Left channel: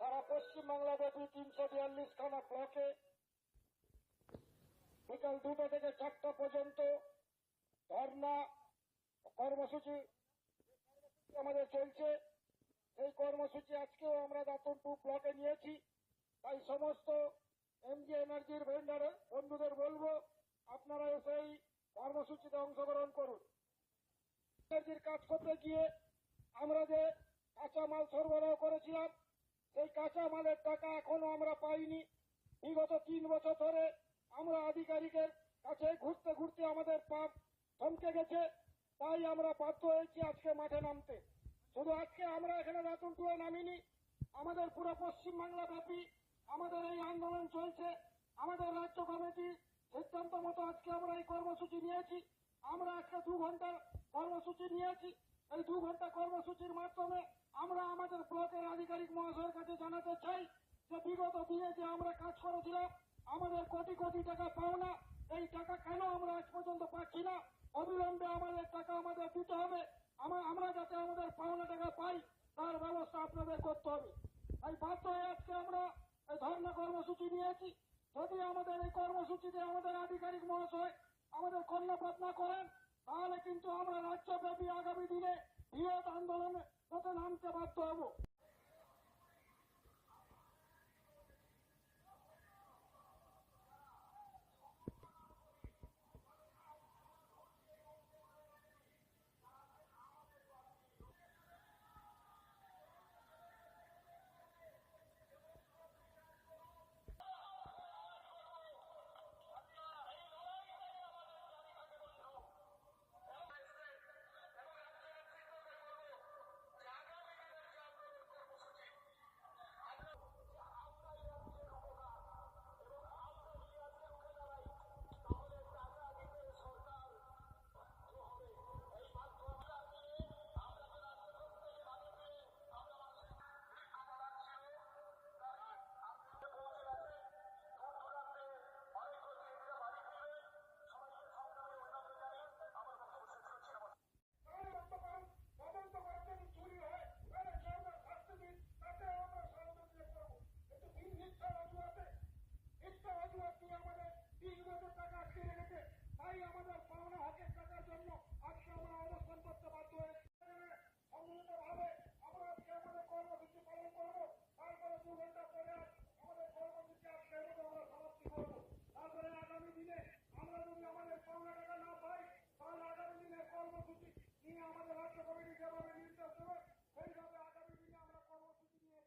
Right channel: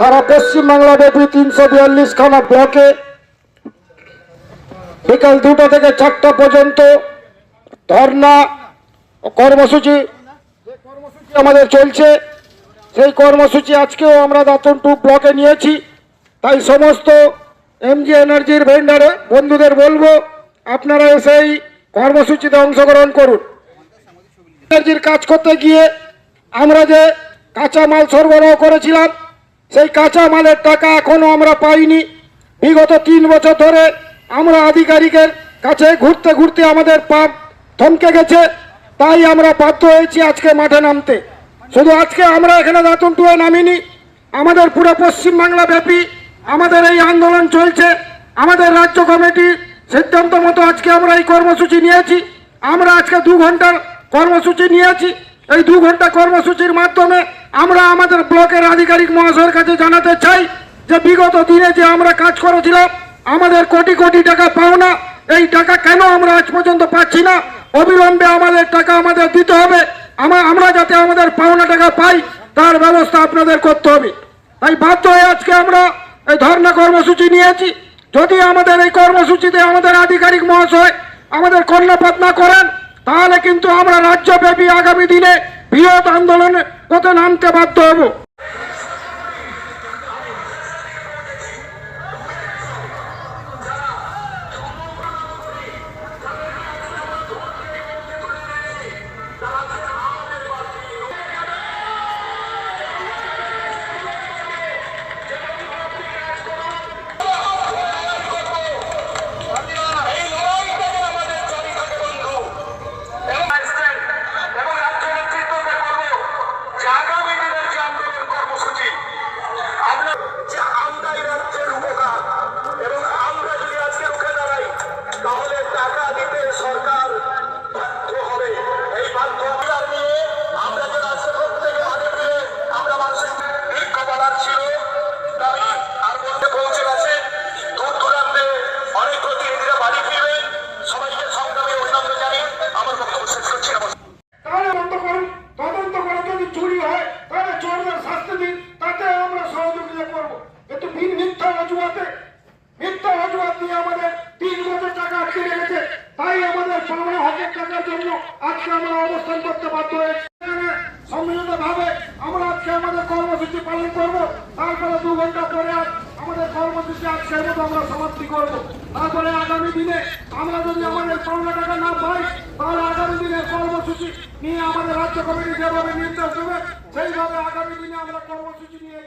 সারা পশ্চিমবাংলা ব্যাপী তিনশো বিয়াল্লিশ খানা ব্লকে বিকাল দুটো থেকে চারটা পর্যন্ত ধর্না কর্মসূচি কর্মসূচি আমাদের চলছে। সেই কর্মসূচি আজকেও আমরা দাতন টু ব্লকে নিয়েছি। তাই সমস্ত এমজি এনার্জির ভেন্ডারে বন্ধুদের বলব, আপনারা এসে এই কর্মসূচিতে অংশগ্রহণ করুন। এনার্জির কাজ করতে গিয়ে আমরা যে কাঁচামাল সরবরাহ করেছিলাম সেই কাঁচা মালের টাকা এখনও আমরা পাইনি। বিগত তিন বছর ধরে আমরা আধিকারিকের কাছে ঘুরতে ঘুরতে আমাদের পা থমকে গেছে, তাই আমরা বাধ্য হয়েছি আজকে মাঠে নামতে। শুধু আজকে আমরা এখানে দাতন টুয়ে নামিনি, আমাদের পুরো পশ্চিমবাংলা ব্যাপী আমাদের এই আন্দোলন চলছে, আমাদের রাজ্য কমিটির সিদ্ধান্ত মতো আজকে আমরা এই কর্মসূচি নিয়েছি, আমরা আজকে দু ঘণ্টার কর্মসূচি নিয়েছি। এই দু ঘণ্টা কর্মসূচির মাধ্যমে আমরা আমাদের ব্লকের আধিকারিক মহাশয়ের কাছে জানাতে চাই যে বিগত দিনে যে আমরা কাজ করেছিলাম, আমাদের কোটি কোটি টাকা পাওনা। এই টাকা কেন আমরা আজ পর্যন্ত পাচ্ছি না? অবিলম্বে আমাদের টাকা আমাদের দিতে হবে। আমরা যাতে আমাদের পাওনা টাকা পাই, তার ব্যবস্থা আপনাদের করতে হবে। তাই বাধ্য হয়ে আজকে আমরা এই ধর্ণা কর্মসূচি নিয়েছি। যদি আমাদের এই কর্মসূচিতে আমাদের আধিকারিক মহাশয় আমাদের কর্ণপাত না করেন, তাহলে কিন্তু আমরা রাজ্যব্যাপী আগামী দিনে বৃহৎ আন্দোলনে পথে নামতে বাধ্য হব। কিন্তু মিথ্যা অজুহাতে, মিথ্যা অজুহাত দিয়ে আমাদের তিন বছর টাকা আটকে রেখেছে। তাই আমাদের পাওনা হকের টাকার জন্য আজকে আমরা অবস্থান করতে বাধ্য হয়েছি। ভাবে আমরা আজকে পালন করব। তারপরে দু ঘণ্টা পরে আমাদের কর্মসূচি আজকের মতো আমরা সমাপ্তি করব। তারপরে আগামী দিনে আমরা যদি আমাদের পাওনা টাকা না পাই, তাহলে আগামী দিনের কর্মসূচি নিয়ে আমাদের রাজ্য কমিটি যেভাবে নির্দেশ দেবে, সেইভাবে আগামী দিনে আমরা কর্মসূচি নিয়ে